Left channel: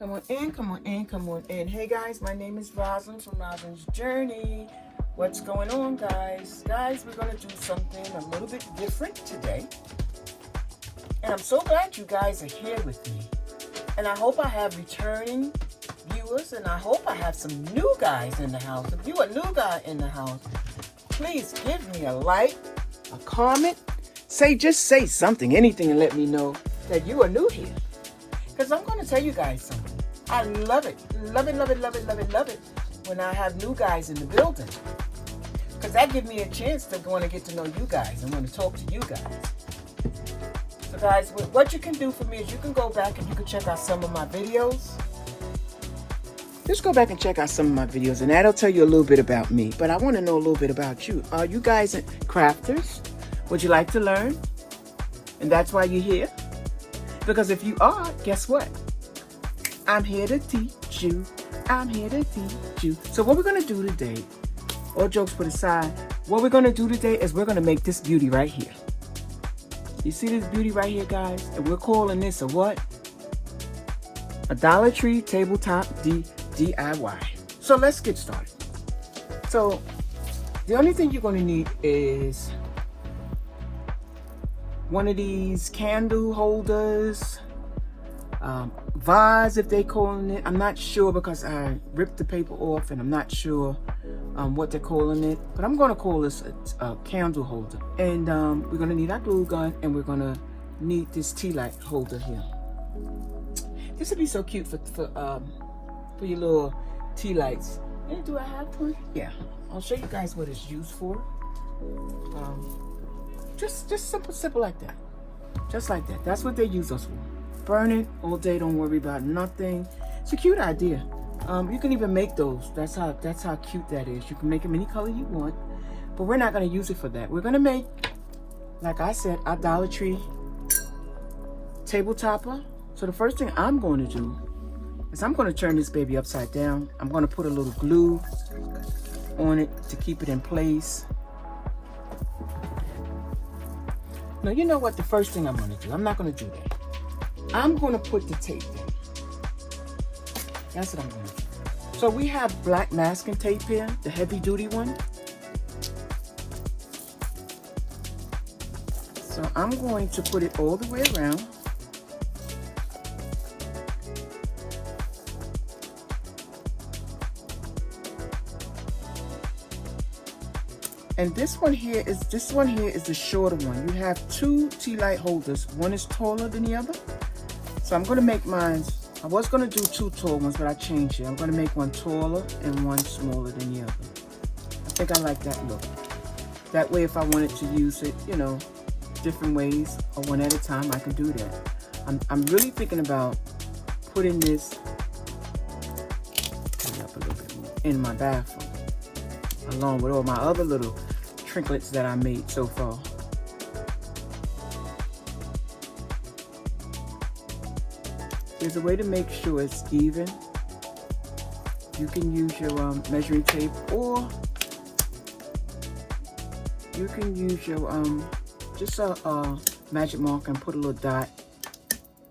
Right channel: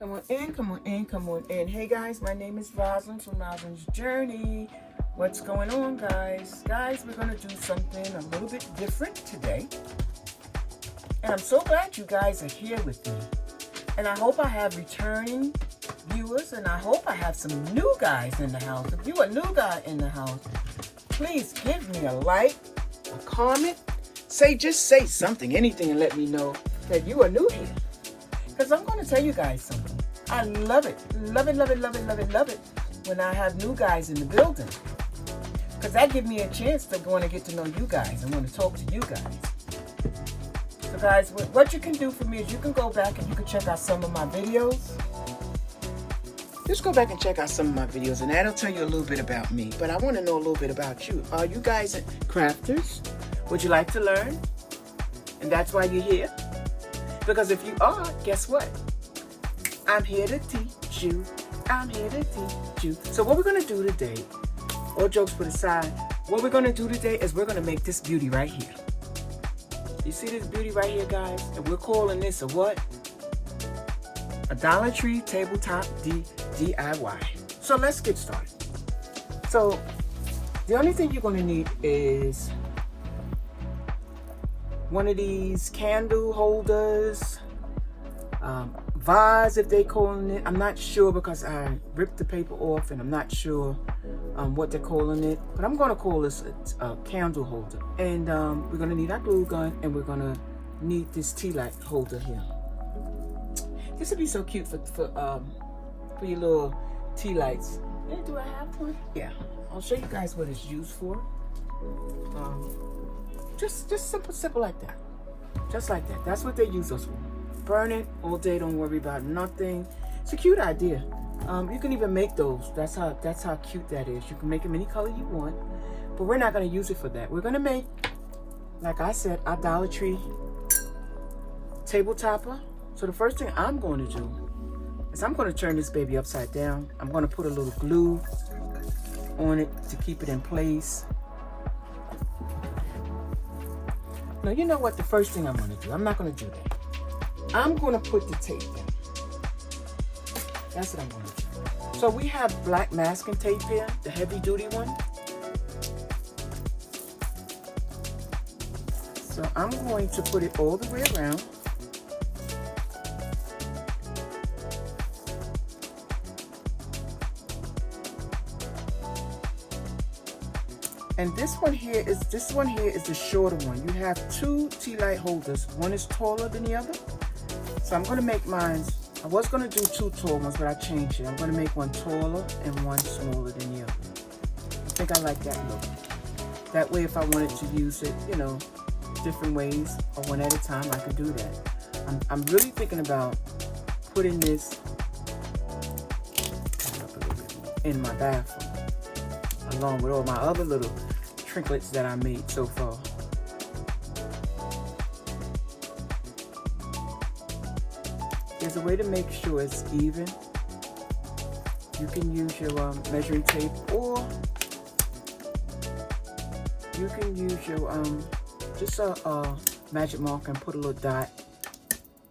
Come on in, come on in, come on in. Hey guys, my name is Rosalind from Rosalind's Journey. What's going on, guys? Guys, we're going to do something a little bit different today. And I'm so glad you guys are here with me. And I hope I have returning viewers, and I hope I have some new guys in the house. If you're a new guy in the house, please give me a like, a comment. Just say something, anything, and let me know that you are new here. Because I'm going to tell you guys something. I love it. Love it, love it, love it, love it, love it when I have new guys in the building. Because that gives me a chance to want to get to know you guys and want to talk to you guys. So guys, what you can do for me is you can go back and you can check out some of my videos. Just go back and check out some of my videos, and that'll tell you a little bit about me. But I want to know a little bit about you. Are you guys crafters? Would you like to learn? And that's why you're here? Because if you are, guess what? I'm here to teach you. I'm here to teach you. So what we're going to do today, all jokes put aside, what we're going to do today is we're going to make this beauty right here. You see this beauty right here, guys? And we're calling this a what? A Dollar Tree Tabletop DIY. So let's get started. So the only thing you're going to need is one of these candle holders, vase if they calling it. I'm not sure because I ripped the paper off and I'm not sure what they're calling it. But I'm going to call this a candle holder. And we're going to need our glue gun, and we're going to need this tea light holder here. This would be so cute for your little tea lights. And do I have one? Yeah. I'll show you guys what it's used for. Just simple like that. Just like that. That's what they use us for. Burn it all day, don't worry about nothing. It's a cute idea. You can even make those. That's how cute that is. You can make them any color you want. But we're not going to use it for that. We're going to make, like I said, our Dollar Tree tabletopper. So the first thing I'm going to do is I'm going to turn this baby upside down. I'm going to put a little glue on it to keep it in place. Now, you know what? The first thing I'm going to do, I'm not going to do that. I'm going to put the tape in. That's what I'm going to do. So we have black masking tape here, the heavy duty one. So I'm going to put it all the way around. And this one here is the shorter one. You have two tea light holders. One is taller than the other. So I'm going to make mine. I was going to do two tall ones, but I changed it. I'm going to make one taller and one smaller than the other. I think I like that look. That way, if I wanted to use it, you know, different ways or one at a time, I can do that. I'm really thinking about putting this in my bathroom, along with all my other little trinkets that I made so far. There's a way to make sure it's even. You can use your measuring tape, or you can use your just a magic marker and put a little dot,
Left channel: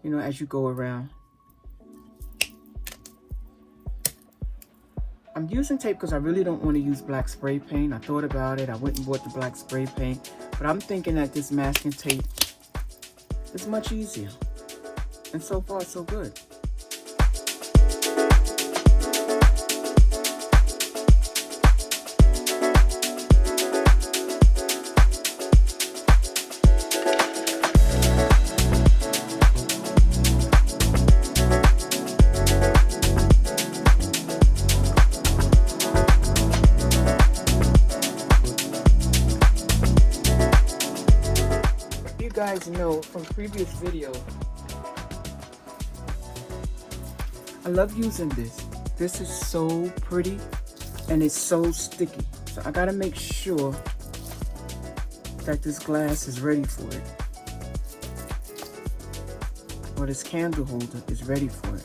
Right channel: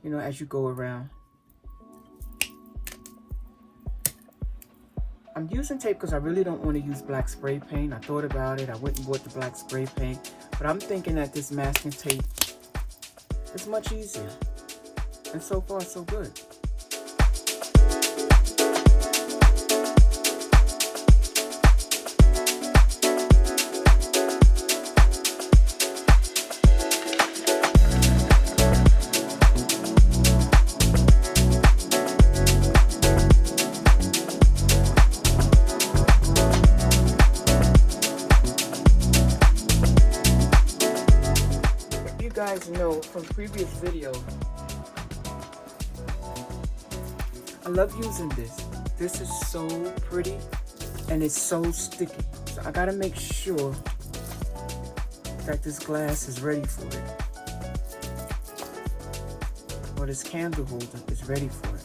you know, as you go around. I'm using tape because I really don't want to use black spray paint. I thought about it. I went and bought the black spray paint. But I'm thinking that this masking tape is much easier. And so far, so good. Know from previous video, I love using this. This is so pretty and it's so sticky. So I gotta make sure that this glass is ready for it, or this candle holder is ready for it.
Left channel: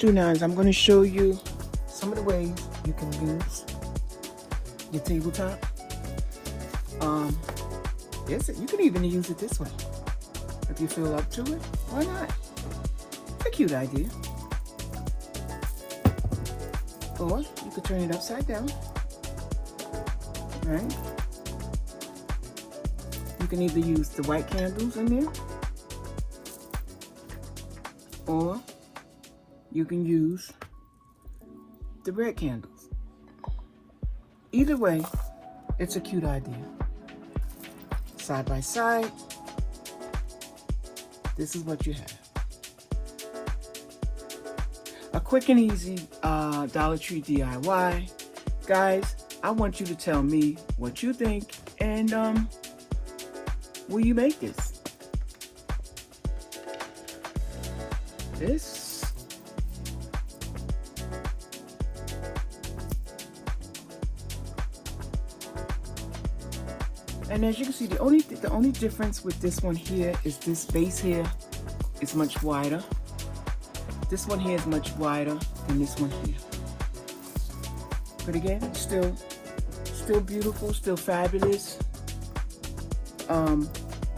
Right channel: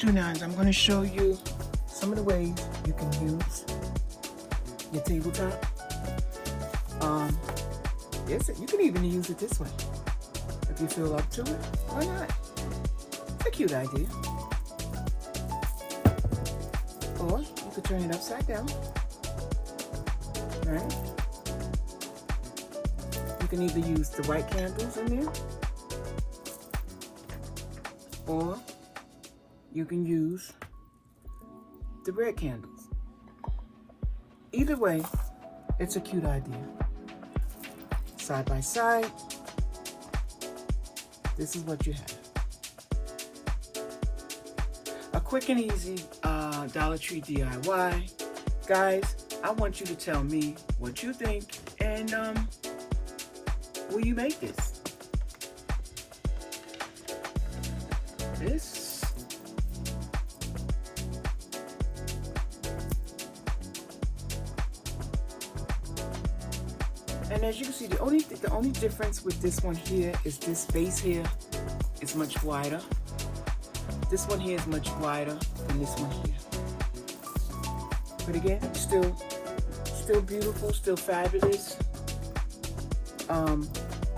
do now is I'm going to show you some of the ways you can use your tabletop. Yes, you can even use it this way. If you feel up to it, why not? It's a cute idea. Or you could turn it upside down. Right? You can either use the white candles in there, or you can use the red candles. Either way, it's a cute idea. Side by side, this is what you have. A quick and easy Dollar Tree DIY. Guys, I want you to tell me what you think, and will you make this? And as you can see, the only difference with this one here is this base here is much wider. This one here is much wider than this one here. But again, still beautiful, still fabulous.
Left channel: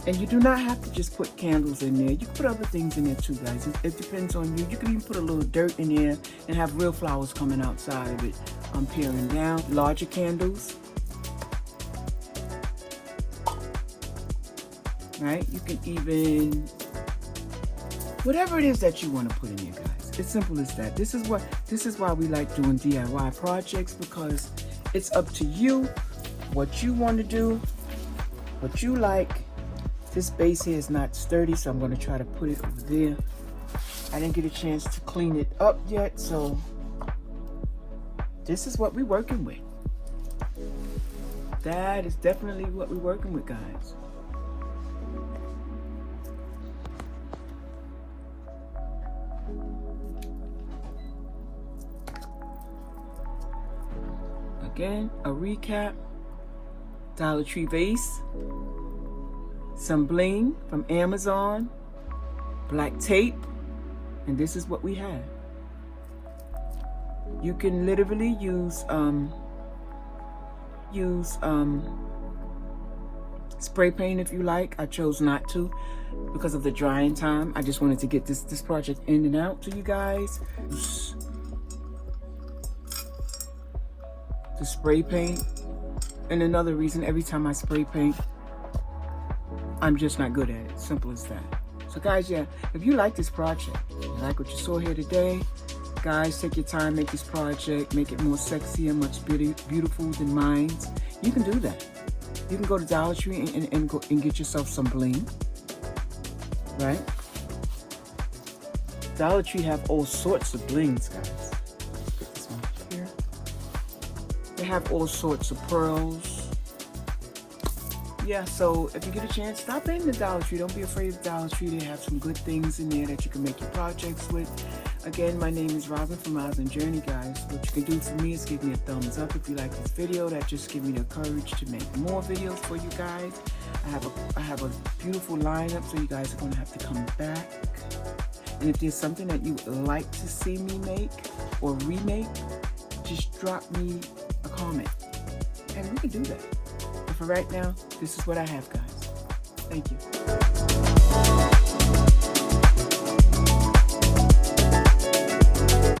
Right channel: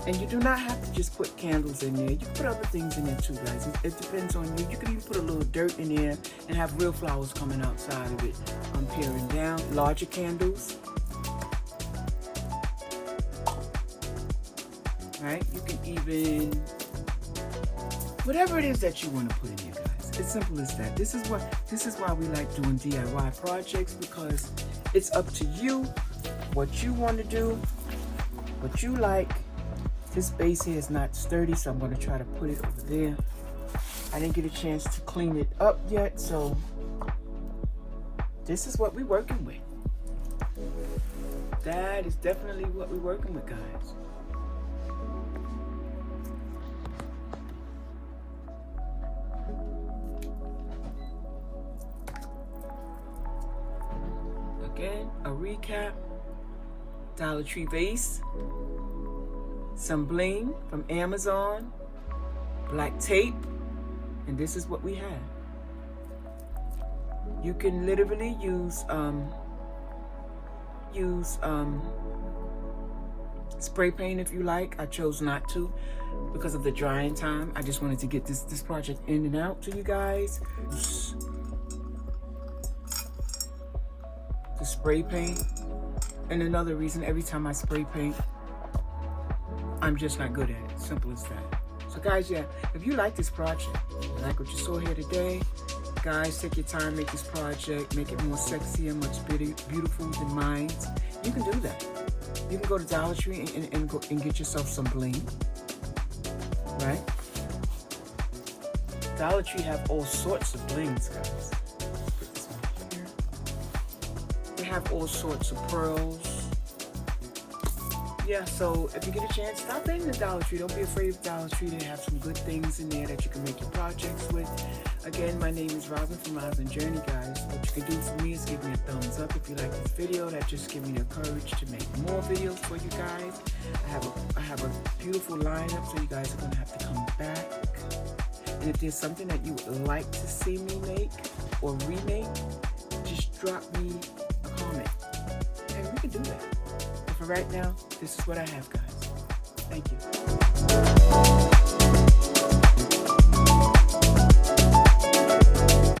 And you do not have to just put candles in there. You can put other things in there too, guys. It depends on you. You can even put a little dirt in there and have real flowers coming outside of it. I'm peeling down larger candles. Right? You can even, whatever it is that you want to put in there, guys. It's simple as that. This is why we like doing DIY projects, because it's up to you what you want to do, what you like. This base here is not sturdy, so I'm going to try to put it over there. I didn't get a chance to clean it up yet, so this is what we're working with. That is definitely what we're working with, guys. Again, a recap: Dollar Tree vase, some bling from Amazon, black tape, and this is what we have. You can literally use spray paint if you like. I chose not to because of the drying time. I just wanted to get this project in and out to you guys. The spray paint. And another reason, every time I spray paint, I'm just not good at it. Simple as that. So guys, yeah, if you like this project, like what you saw here today, guys, take your time, make this project, make it more sexy and much beautiful than mine. You can do that. You can go to Dollar Tree and get yourself some bling, right? Dollar Tree have all sorts of blings, guys. They have all sorts of pearls. Yeah, so if you get a chance, stop in the Dollar Tree. Don't be afraid of Dollar Tree. They have some good things in there that you can make your projects with. Again, my name is Robin from Rosin Journey, guys. What you can do for me is give me a thumbs up if you like this video. That just gives me the courage to make more videos for you guys. I have a beautiful lineup, so you guys are going to have to come back. And if there's something that you would like to see me make or remake, just drop me a comment. And we can do that. But for right now, this is what I have, guys. Thank you.